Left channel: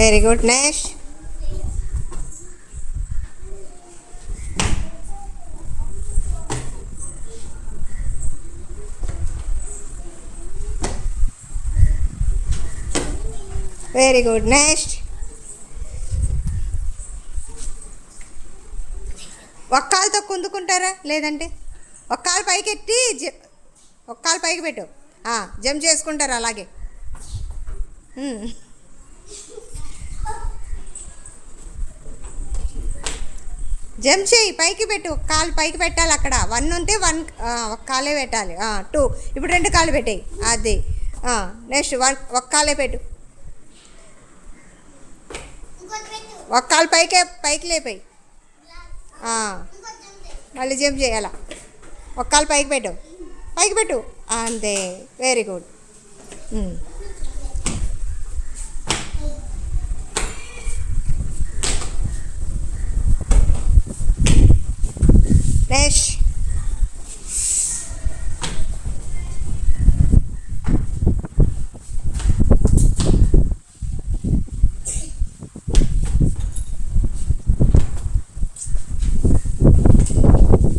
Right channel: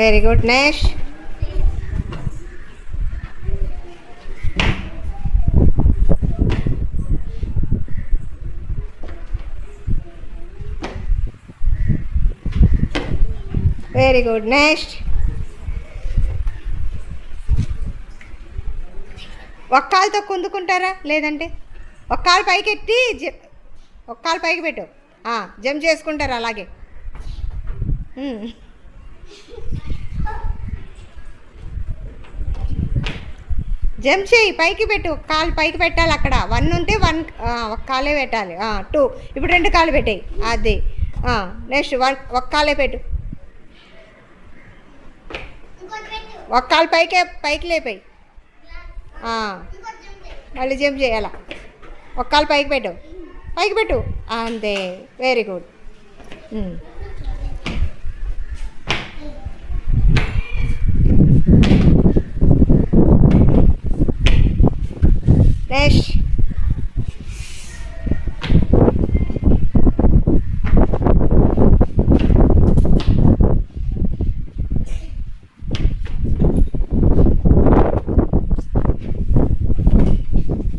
Very good. Next. Very good. Next. ఒక కాలుతో కుందుకుంటారా, లేదంటే ఒక కాలు పైకి ఎత్తి ఒక కాలు పైకి పెట్టు. జంప్ చేసుకుంటారు అలాగే. జంప్ చేయి, పైకి పెట్టు. ఒక కాలు పైకి పెట్టాలి. అక్కడ 1 ఉంటే 1 ఒక కాలే పెట్టాలి. 2 ఇప్పుడు 2 కాలు పెట్టాయి. అది. నెక్స్ట్ 1 ఒక కాలే పెట్టు. ఒక కాలు పైకి లేపాయి. మళ్ళీ జంప్ చేయాల. ఒక కాలు పైకి పెట్టు. అంతే. Very good. Next.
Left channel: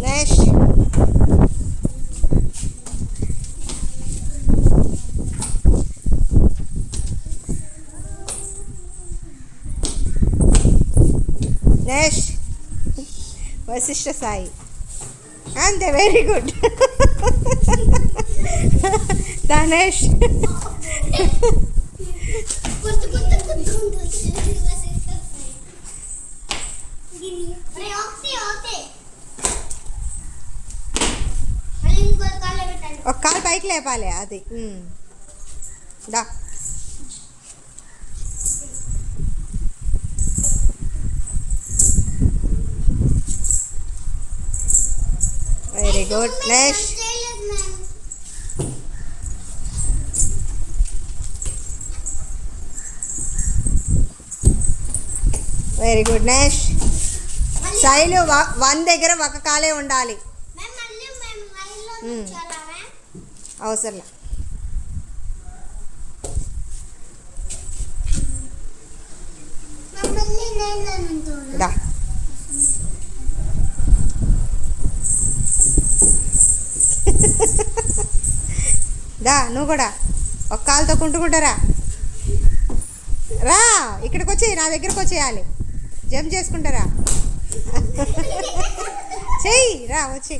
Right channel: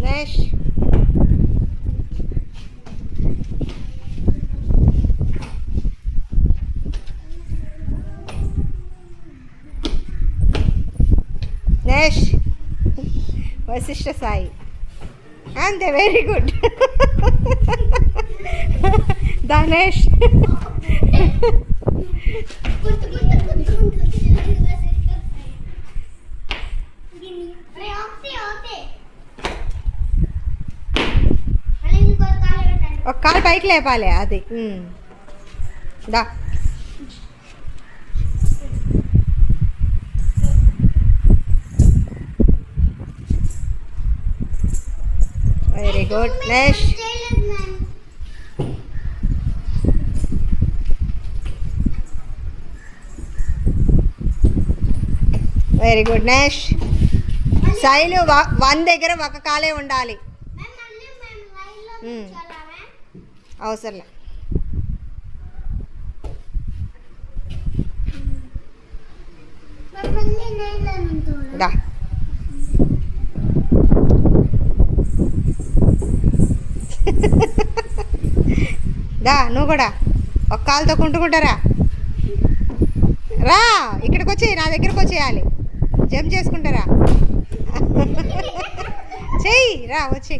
Next. Next. Vasishtha Sai. అంతే. Very good. ధనేష్. ఒక కాలు పైకి లేపాలి. అది. దా. Very good. Next. Very good. Next. Shailu 1 దగ్గర ఒక కాలే ఉండాలి. అవసరంలే. దా. దా నువ్వు కూడా ఒక కాలుతో కుంటుకుంటారా. రా ఇక్కడికి వచ్చేయి, నా దగ్గరకు వచ్చేయాలి. జంప్ చేసుకుంటారా. చెయ్యి. రా వచ్చి.